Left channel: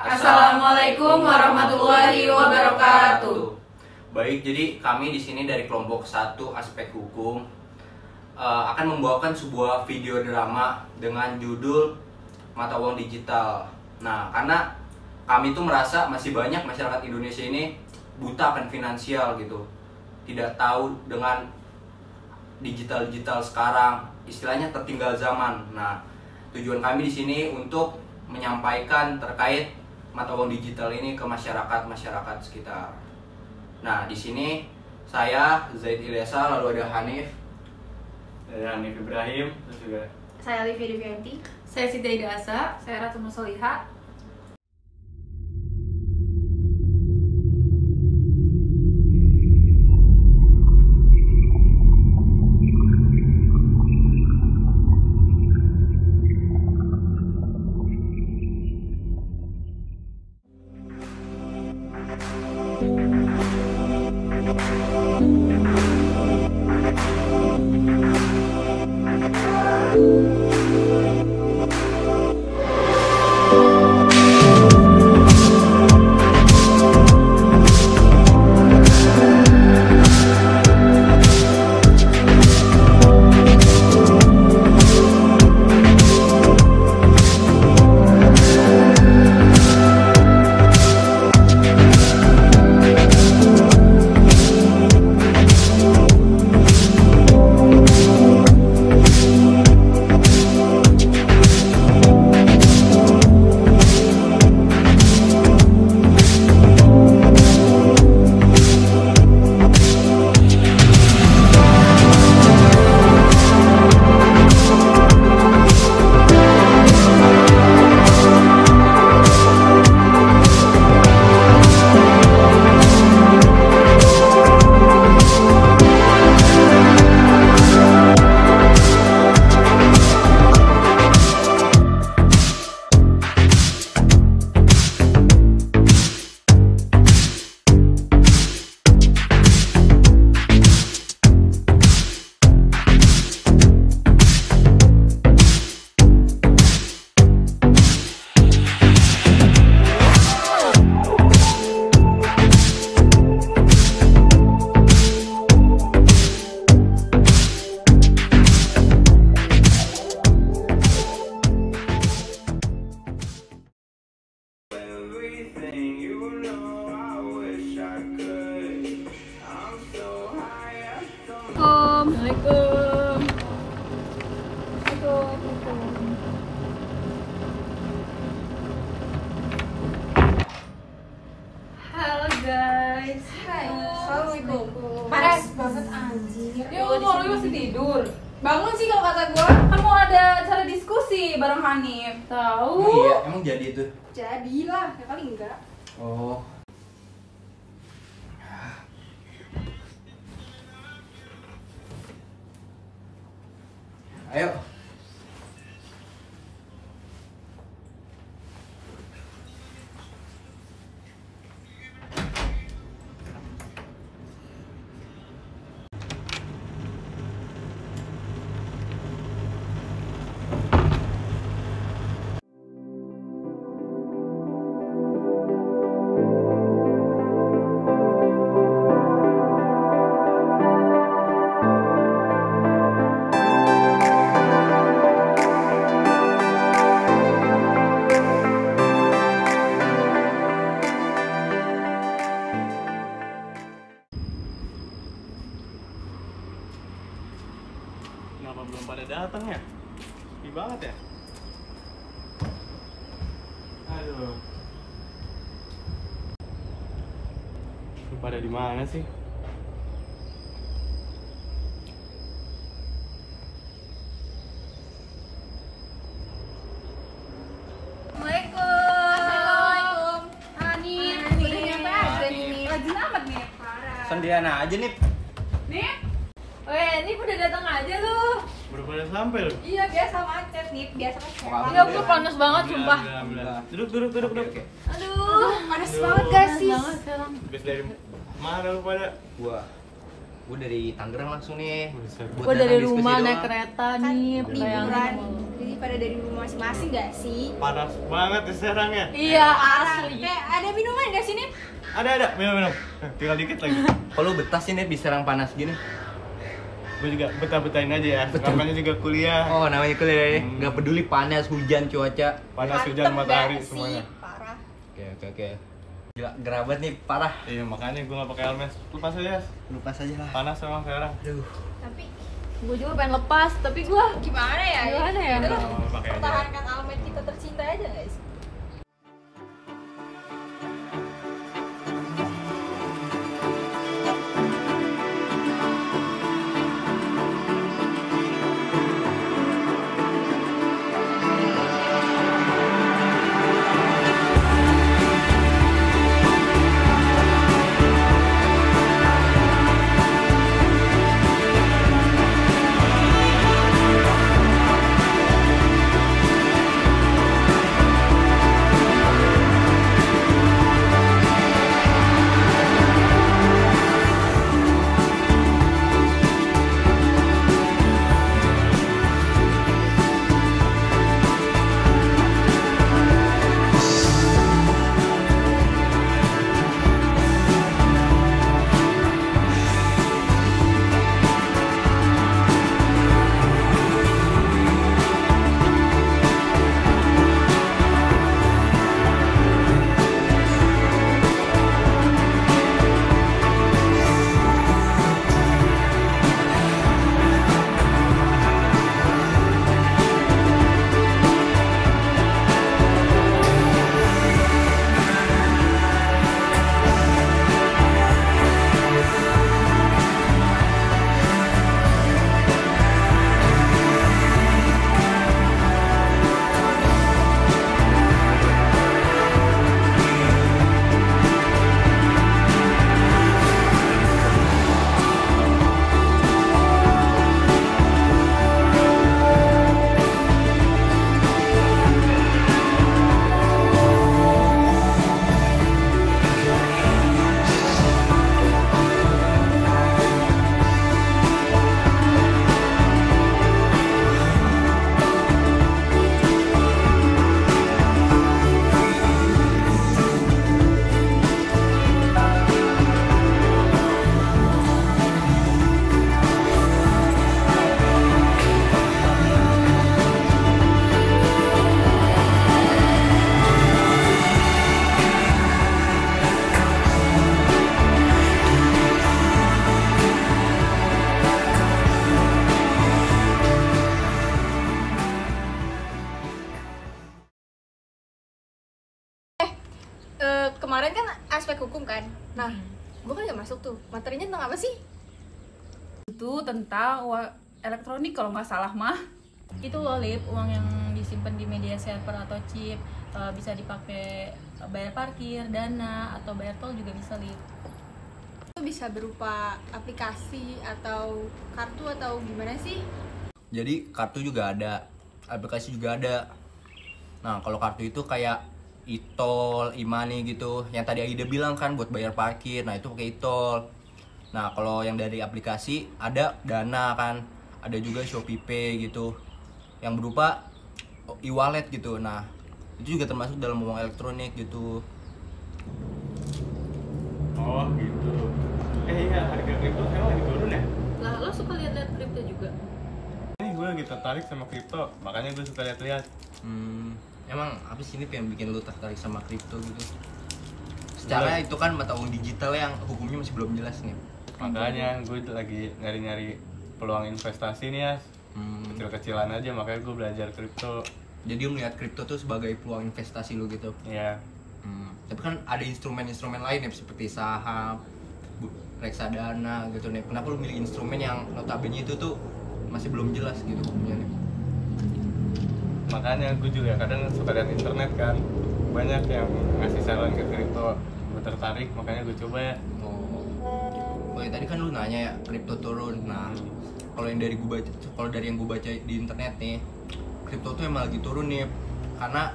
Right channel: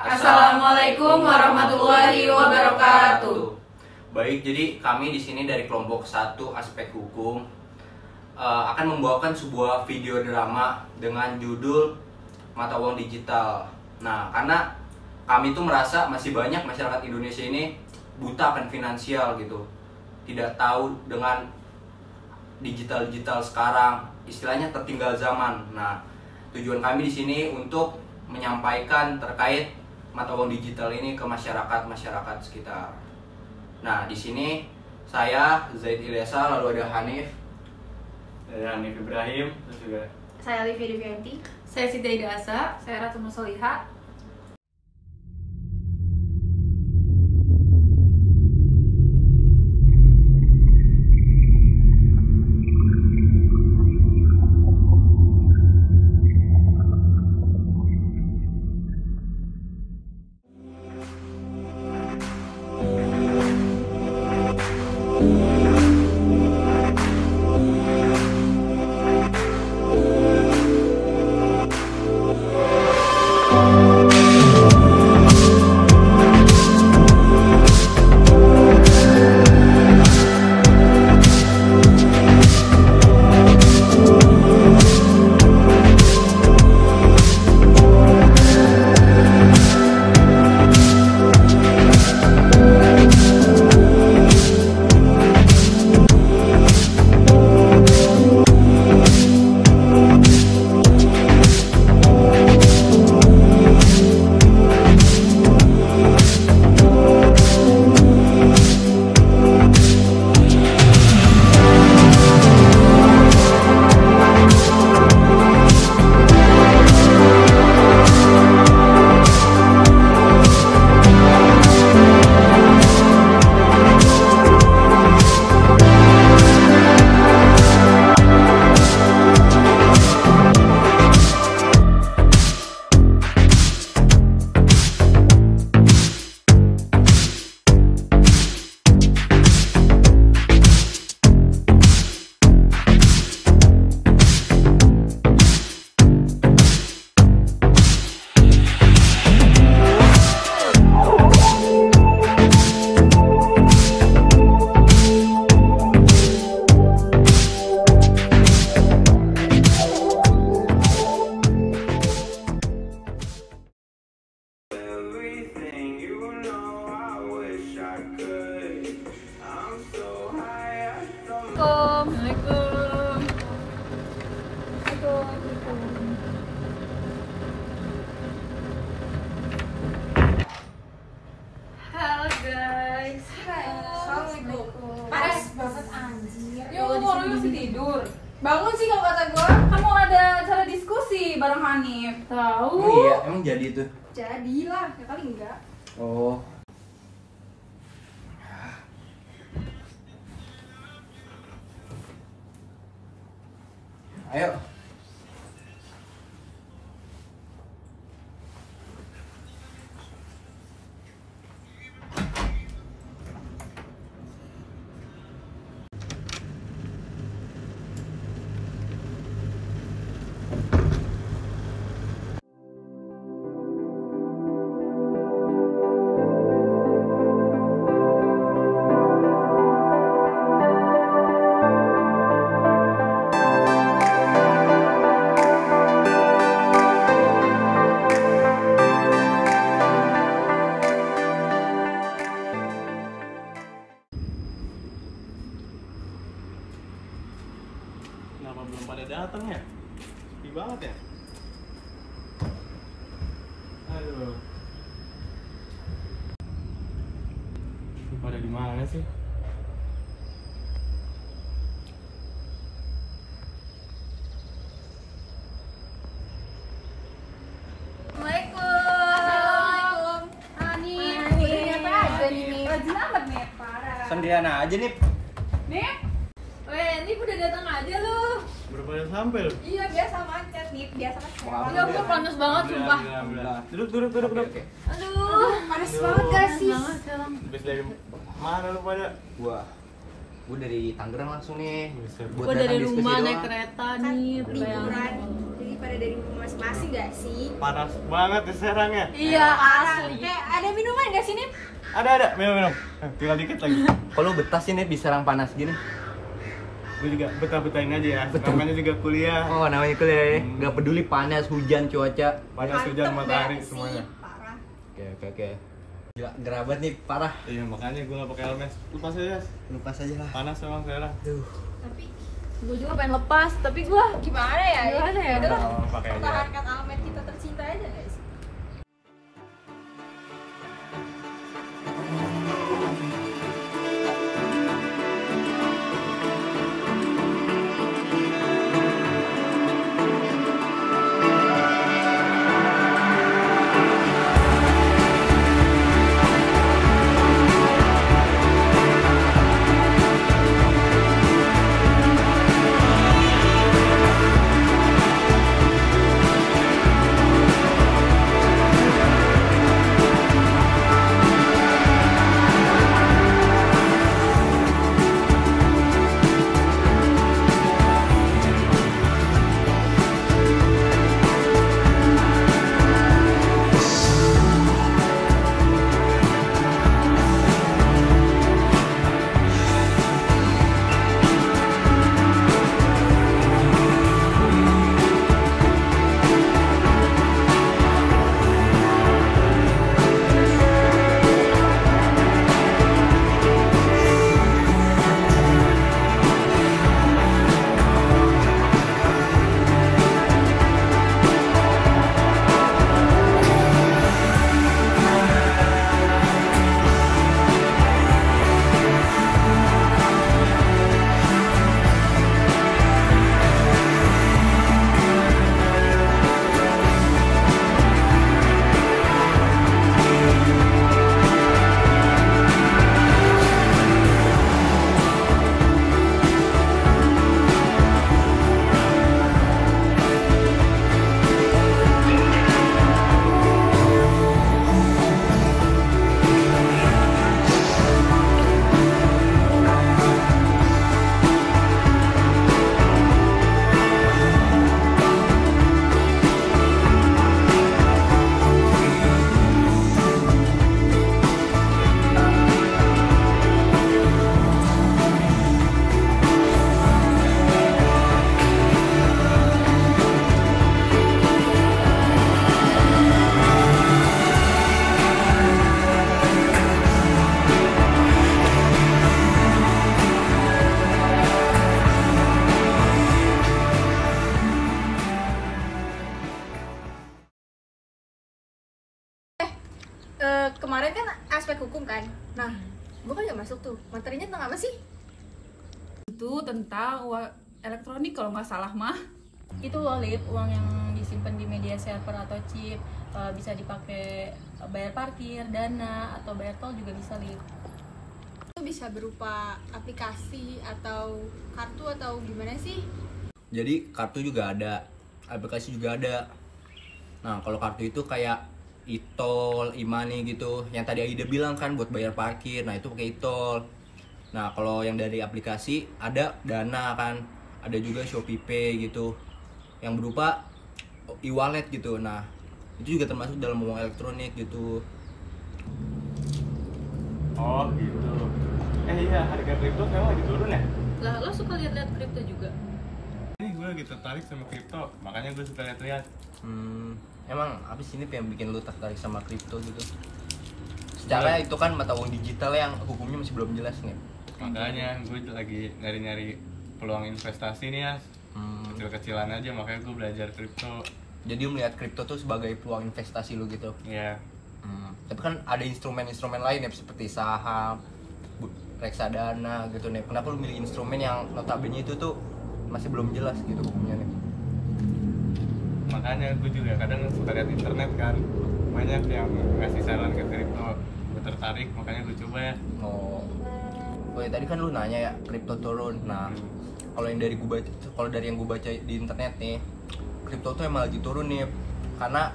Assalamualaikum warahmatullahi wabarakatuh. Baik, jadi kami di sini dari kelompok 1 aspek hukum akan membawakan sebuah video drama dengan judul Mata Uang Digital. Nah, karena kami tuh merasa masih banyak masyarakat Indonesia ini buta akan finansial gitu, tidak tahu dengan digital sekarang, istilahnya tertinggal zaman. Nah, tujuan kami di sini untuk menyampaikan terkait mata uang digital ini ke masyarakat sekitar. Nah, di sini saya Zaid Ilyasa, lalu ada Hanif, Saya Hanif Ibrahim, terus juga Saya Livia Devianti. Saya Siti Asa. Saya Ratu Nursolihah. Assalamualaikum. Halo guys. Hai. Assalamualaikum. Panas banget anjir. Ya Allah, lu masih tidur. Bangun sih kalau kata gua. Kamu ada acara diskusi bareng Hanif. Tahu? iya, emang jadi itu. Jadilah, ya kali enggak. Oh, ayo. kenapa belum pada datang ya? Sepi banget ya? Aduh. Lu pada di mana sih? Assalamualaikum. Hanif, Hanif. udah nyampe aja nih. Rajin amat nih. Sendirian aja nih. Nih. Weh, Nip udah datang aja lu. Baru pada sampai lu? Iya, biasa macet nih. Biasa kan Wah, Enggak, gue panas banget sumpah. Alhamdulillah. Duduk. Oke. Aduh, panas banget gak sih? Habis dari mana lu pada? Gua Gue dari Tangerang langsung nih. Buset. Gue dari diskusi rumah naik doang. kereta nih, Liburan bayangin. daripada dari rumah masing-masing gak sih? Panas banget di Serang ya. Iya, Parah. asli. Kayak ada minuman gak sih, Nip? Ada minum. Tinggal dikit lagi. Kalau betah sih nih di Serang panas gini. Gue juga betah-betahin aja ya. Betul. Namanya juga kuliah. Oh namanya kuliah ya. Nggak peduli panas, hujan, cuaca. Panas Mantep hujan gak matahari sih? semuanya. Parah. Oke. Gila, gerabat nih parah. Iya makanya gue gak pakai helmet. Lepas aja. Lepas aja lah. Panas emang sekarang. Aduh. Tapi Gue juga pengen lepas, tapi gue gimana ya? Gimana ya? Itu kan Pakai aja. pertahankan Almet kita tercinta aja gak sih? Kemarin kan aspek hukum kan. Nah, gue kan gak masuk tuh. Materinya tentang apa sih? itu tentang uang elektronik kalau nggak salah mah. Itu loh Lip, uang yang disimpan di media server atau chip, bisa dipakai bayar parkir, dana, atau bayar tol juga bisa Lip. Itu bisa berupa aplikasi atau kartu atau gimana sih? Jadi kartu juga ada, aplikasi juga ada. Nah kalau kartu itu kayak e-tol, e-money gitu. Yang tadi Aida bilang kan buat bayar parkir, nah itu pakai e-tol. Nah kalau yang dari aplikasi ada Dana kan, ada juga Shopee Pay gitu, yang berupa e-wallet gitu. Nah itu juga termasuk dalam uang elektronik gitu. Oh gitu. Iya, harga kripto sekarang lagi turun ya? Lah, lo suka lihat-lihat kripto juga? Ini gue lagi tertarik sama kripto, makanya gue suka lihat-lihat. Emang apa sih ini yang bikin lu tertarik sama kripto gitu? Secara itu kan mata uang digital yang hukumnya masih belum jelas nih. Makanya gue lagi nyari-nyari peluang investasi nih ya. Kecil-kecilan aja, makanya gue belajar kripto. Jadi lu melihat kripto tuh sebagai peluang investasi lu gitu. Iya. Tapi kan ada instrumen-instrumen lain ya seperti saham, reksadana gitu nih. Kenapa lu milih instrumen yang notabene itu tuh masih belum jelas gitu hukumnya nih? Makanya gue juga kadang suka lihat internet kan, banyak yang ngasih saran ke kripto. Gue tertarik, makanya gue coba ya. Oh ya tadi kan lu nanya ya kripto turun. Nah kalau yang dari gue baca, kalau dari yang gue baca di internet nih, kripto tuh emang lagi turun nih. Karena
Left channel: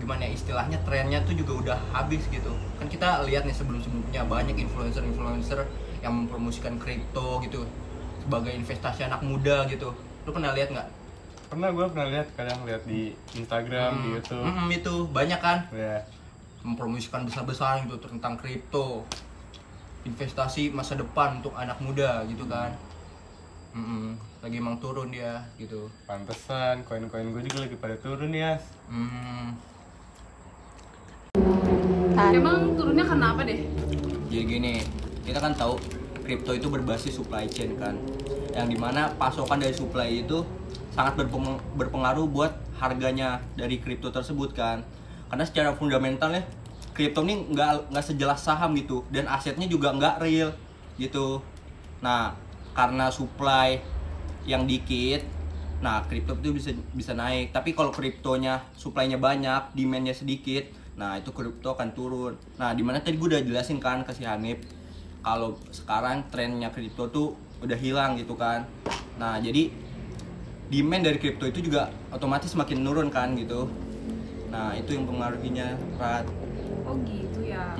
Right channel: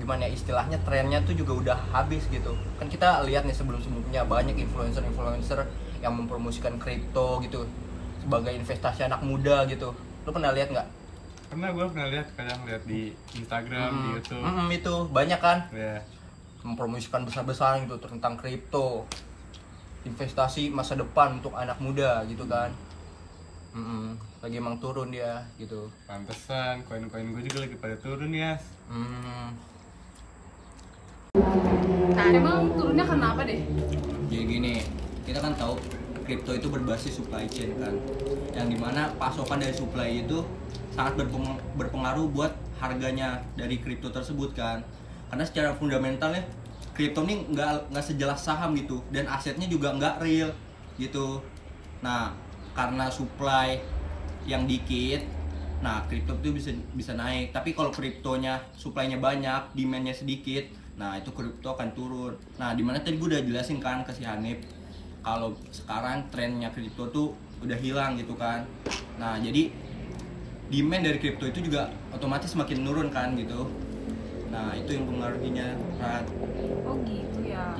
gimana ya istilahnya, trennya tuh juga udah habis gitu. Kan kita lihat nih sebelum-sebelumnya banyak influencer yang mempromosikan kripto gitu sebagai investasi anak muda gitu. Lu pernah lihat nggak? Gue pernah lihat, kadang lihat di Instagram, di YouTube. Itu banyak kan Ya. mempromosikan besar-besaran gitu tentang kripto, investasi masa depan untuk anak muda gitu kan. Lagi emang turun dia gitu. Pantesan koin-koin gue juga lagi pada turun ya. Emang turunnya karena apa deh? Jadi gini, kita kan tahu kripto itu berbasis supply chain kan, yang dimana pasokan dari supply itu sangat berpengaruh buat harganya dari kripto tersebut kan. Karena secara fundamentalnya kripto ini nggak sejelas saham gitu, dan asetnya juga nggak real gitu. Nah, karena supply yang dikit, nah kripto itu bisa naik. Tapi kalau kriptonya supply-nya banyak, demand-nya sedikit, nah itu kripto akan turun. Nah, dimana tadi gue udah jelasin kan ke si Hanif, kalau sekarang trennya kripto tuh udah hilang gitu kan. Nah, jadi demand dari kripto itu juga otomatis semakin menurun kan gitu. Nah, itu yang mempengaruhinya, Rat. Oh gitu ya.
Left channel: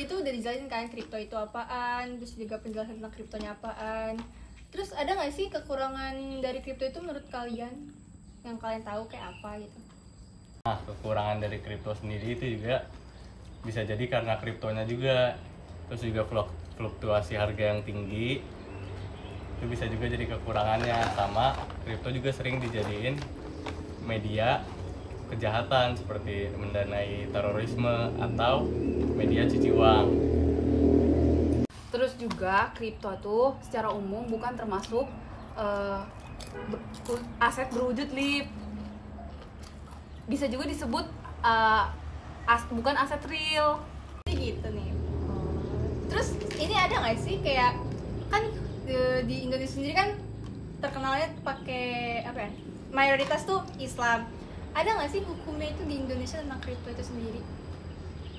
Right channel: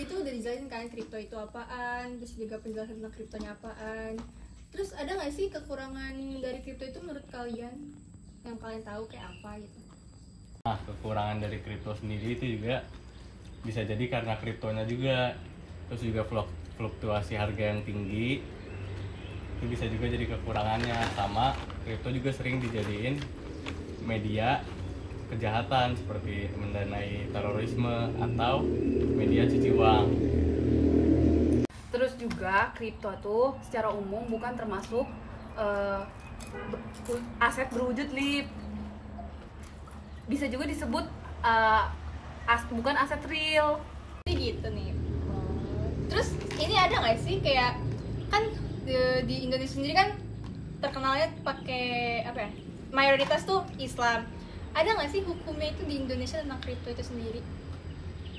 Itu udah dijelasin kan kripto itu apaan, terus juga penjelasan tentang kriptonya apaan. Terus ada nggak sih kekurangan dari kripto itu menurut kalian yang kalian tahu kayak apa gitu? Nah, kekurangan dari kripto sendiri itu juga bisa jadi karena kriptonya juga, terus juga fluktuasi harga yang tinggi, itu bisa juga jadi kekurangannya. Sama kripto juga sering dijadiin media kejahatan seperti mendanai terorisme atau media cuci uang. Terus juga kripto tuh secara umum bukan termasuk aset berwujud lip. Bisa juga disebut bukan aset real. Gitu nih. Terus ini ada nggak sih kayak kan di Indonesia sendiri kan terkenalnya pakai apa ya? Mayoritas tuh Islam. Ada nggak sih hukumnya itu di Indonesia tentang kripto itu sendiri?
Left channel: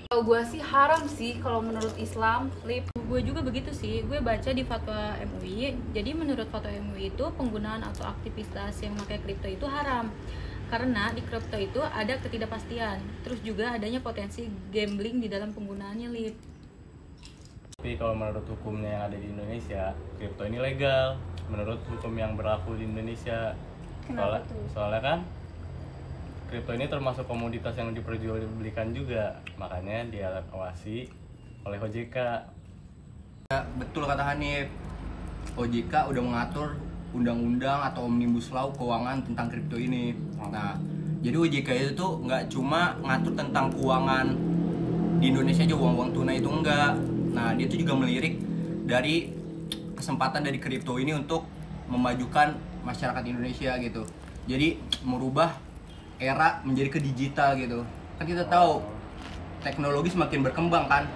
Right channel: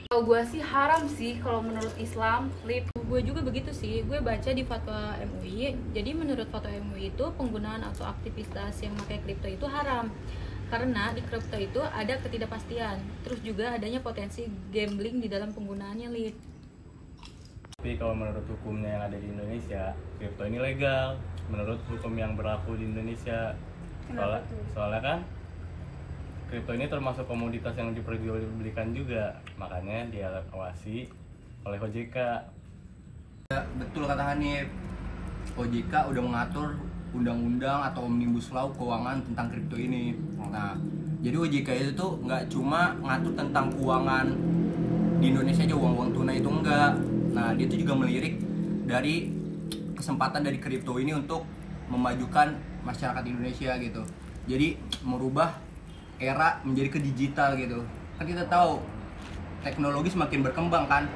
Kalau gue sih haram sih kalau menurut Islam, lip. Gue juga begitu sih. Gue baca di fatwa MUI. Jadi menurut fatwa MUI itu penggunaan atau aktivitas yang pakai kripto itu haram. Karena di kripto itu ada ketidakpastian. Terus juga adanya potensi gambling di dalam penggunaannya, lip. Tapi kalau menurut hukumnya yang ada di Indonesia, kripto ini legal menurut hukum yang berlaku di Indonesia. Soalnya kan kripto ini termasuk komoditas yang diperjualbelikan juga, makanya diawasi oleh OJK. Ya, betul kata Hanif, OJK udah mengatur undang-undang atau omnibus law keuangan tentang kripto ini. Nah, jadi OJK itu tuh nggak cuma ngatur tentang keuangan di Indonesia aja, uang tunai itu enggak. Nah, dia tuh juga melirik dari kesempatan dari kripto ini untuk memajukan masyarakat Indonesia gitu. Jadi merubah era menjadi ke digital gitu. Kan kita tahu teknologi semakin berkembang kan.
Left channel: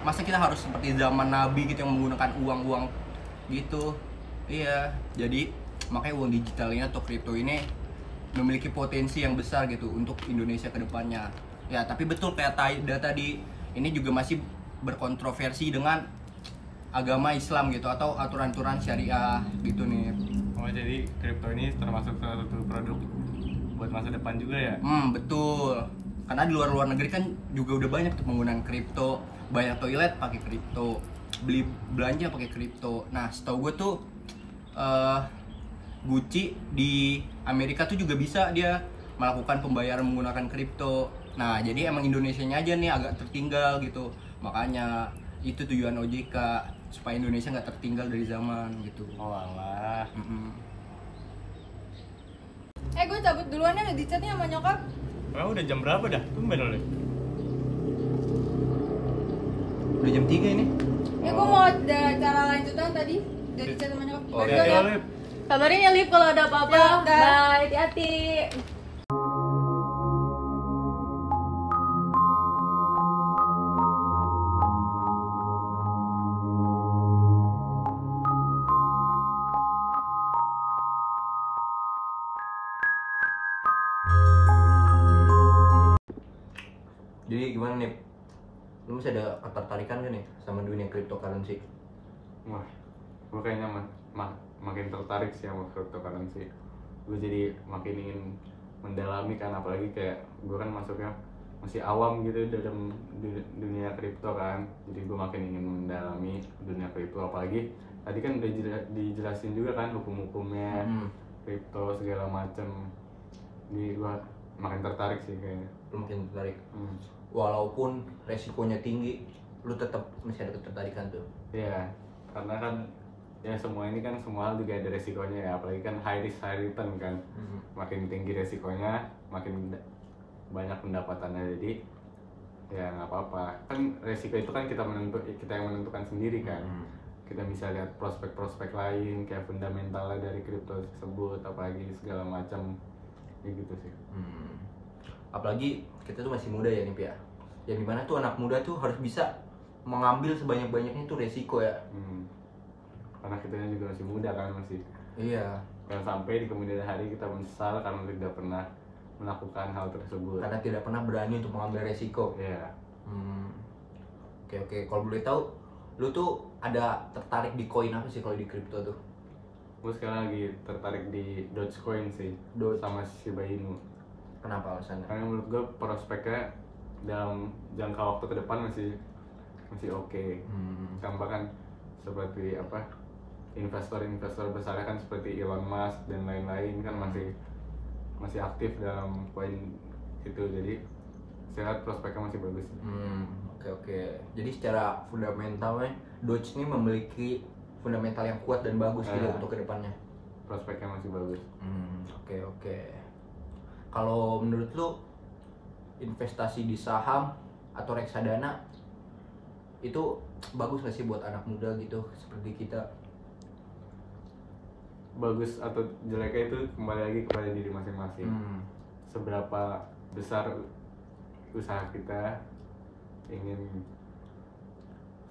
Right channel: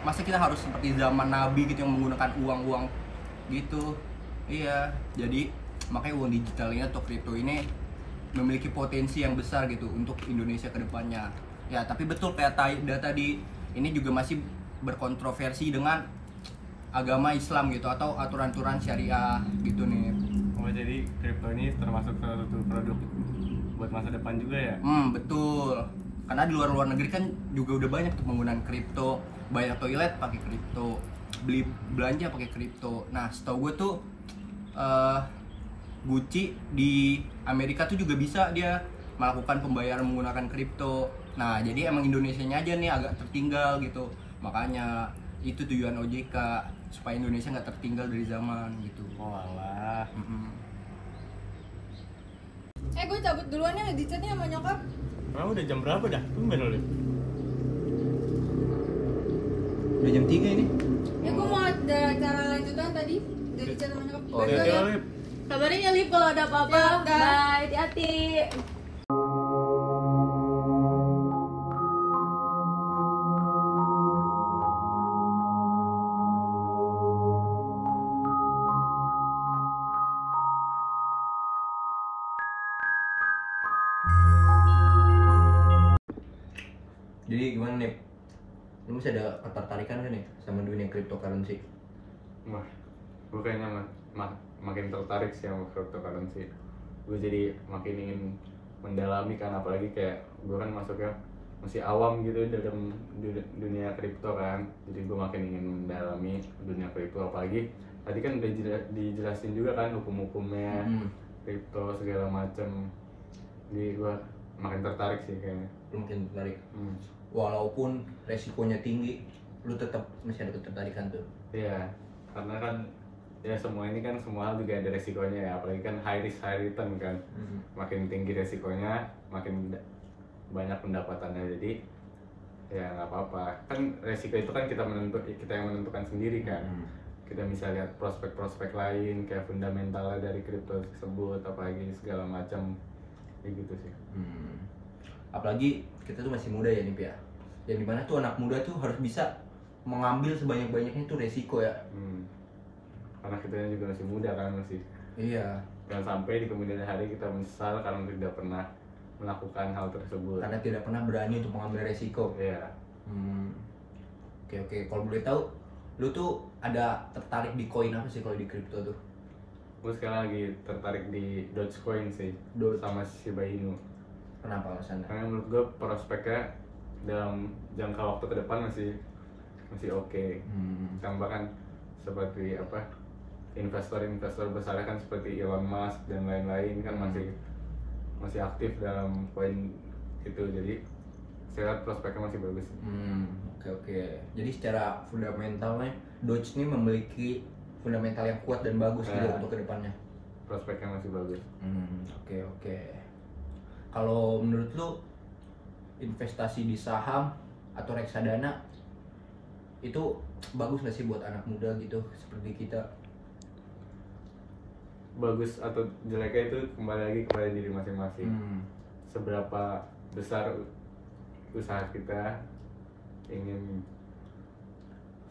Masa kita harus seperti zaman Nabi gitu yang menggunakan uang gitu. Iya, jadi makanya uang digital ini atau kripto ini memiliki potensi yang besar gitu untuk Indonesia ke depannya. Ya, tapi betul kayak tadi ini juga masih berkontroversi dengan agama Islam gitu atau aturan-aturan syariah gitu nih. Oh, jadi kripto ini termasuk salah satu produk buat masa depan juga ya? Betul. Karena di luar negeri kan juga udah banyak tuh penggunaan kripto, banyak toilet pakai kripto, beli belanja pakai kripto. Nah, setahu gue tuh Gucci di Amerika tuh juga bisa dia melakukan pembayaran menggunakan kripto. Nah, jadi emang Indonesianya aja nih agak tertinggal gitu. Makanya itu tujuan OJK supaya Indonesia nggak tertinggal dari zaman gitu. Oh alah. Gue cabut duluan ya, di chatnya sama nyokap. Emang udah jam berapa dah? Tumben lu. Udah jam 3 ini. Ya gue mau ada cara lanjutan tadi dari chat sama nyokap. Oh, Bye, hati-hati ya. lo, Lip. Kabarin ya, lip, kalau ada apa-apa. Ya, dah. Bye, hati-hati. Jadi gimana nih? Lu masih ada ketertarikan kan nih sama dunia cryptocurrency? Wah, gue kayaknya makin tertarik sih sama cryptocurrency. Gue jadi makin ingin mendalami kan, apalagi kayak gue kan masuknya masih awam gitu dalam dunia kripto kan, jadi gue makin ingin mendalami dunia kripto, apalagi tadi kan udah dijelasin juga kan hukum-hukumnya kripto segala macam, jadi gue makin tertarik sih kayaknya. Lu makin tertarik. Walaupun resikonya tinggi, lu tetap masih ada ketertarikan tuh. Iya, karena kan ya semua ini kan semua hal juga ada resikonya ya, apalagi kan high risk high return kan. Makin tinggi resikonya makin banyak pendapatannya, jadi ya nggak apa-apa kan, resiko itu kan kita yang menentukan sendiri kan. Kita bisa lihat prospek-prospek lain kayak fundamentalnya dari kripto tersebut, apalagi segala macam gitu sih. Apalagi kita tuh masih muda ya nih ya, yang dimana tuh anak muda tuh harus bisa mengambil sebanyak-banyaknya itu resiko ya. Karena kita juga masih muda kan, masih Iya. dan sampai di kemudian hari kita menyesal karena tidak pernah melakukan hal tersebut, Karena tidak pernah berani untuk mengambil resiko. ya. Oke, kalau boleh tahu, lu tuh ada tertarik di koin apa sih kalau di kripto tuh? Gue sekarang lagi tertarik di Dogecoin sih, Doge. sama Shiba Inu. Kenapa alasannya? Karena menurut gue prospeknya dalam jangka waktu ke depan masih oke. Tambah kan seperti apa, investor besar kan seperti Elon Musk dan lain-lain kan masih aktif dalam koin itu, jadi saya lihat prospeknya masih bagus. Oke. Jadi secara fundamentalnya Doge ini memiliki fundamental yang kuat dan bagus gitu untuk kedepannya. Prospeknya masih bagus. Oke. Kalau menurut lu investasi di saham atau reksadana itu bagus nggak sih buat anak muda gitu seperti kita? Bagus atau jeleknya itu kembali lagi kepada diri masing-masing. Seberapa besar usaha kita ingin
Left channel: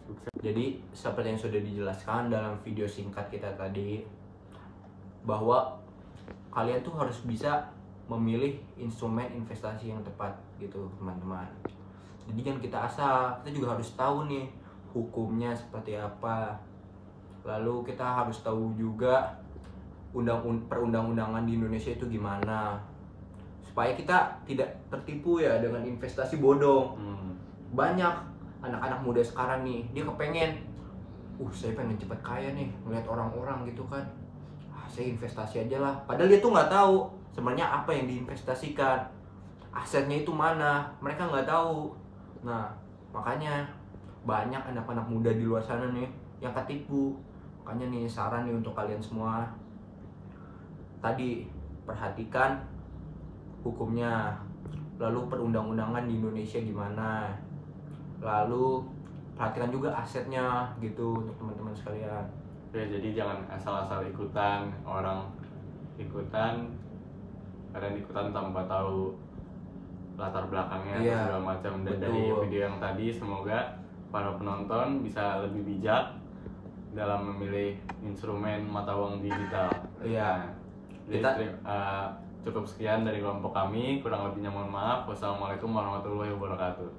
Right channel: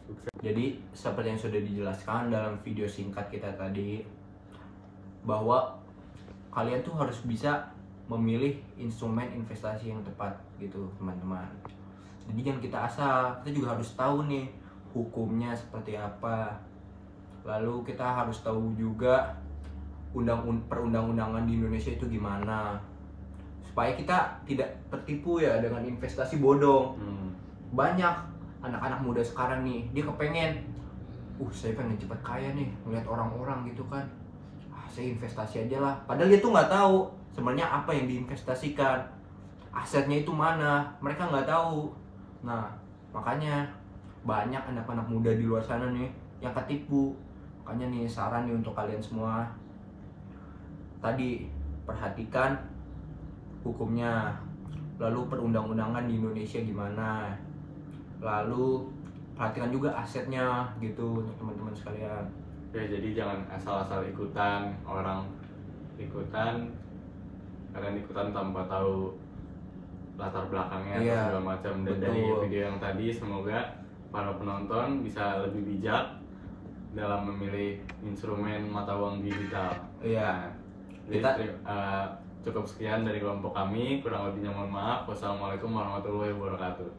sukses. Jadi seperti yang sudah dijelaskan dalam video singkat kita tadi, bahwa kalian tuh harus bisa memilih instrumen investasi yang tepat gitu teman-teman. Jadi jangan kita asal, kita juga harus tahu nih hukumnya seperti apa. Lalu kita harus tahu juga perundang-undangan di Indonesia itu gimana, supaya kita tidak tertipu ya dengan investasi bodong. Banyak anak-anak muda sekarang nih, dia kepengen, saya pengen cepet kaya nih, ngeliat orang-orang gitu kan, saya investasi aja lah. Padahal dia tuh nggak tahu sebenarnya apa yang diinvestasikan, asetnya itu mana, mereka nggak tahu. Nah, makanya banyak anak-anak muda di luar sana nih yang ketipu. Makanya nih saran nih untuk kalian semua, tadi perhatikan hukumnya, lalu perundang-undangan di Indonesia gimana, lalu perhatikan juga asetnya gitu untuk teman-teman sekalian. Ya, jadi jangan asal-asal ikutan kalian ikutan tanpa tahu latar belakangnya segala macam. Dan dari video yang tadi, semoga para penonton bisa lebih bijak dalam memilih instrumen mata uang digital. Jadi cukup sekian dari kelompok kami, kurang lebihnya mohon maaf. Wassalamualaikum warahmatullahi wabarakatuh.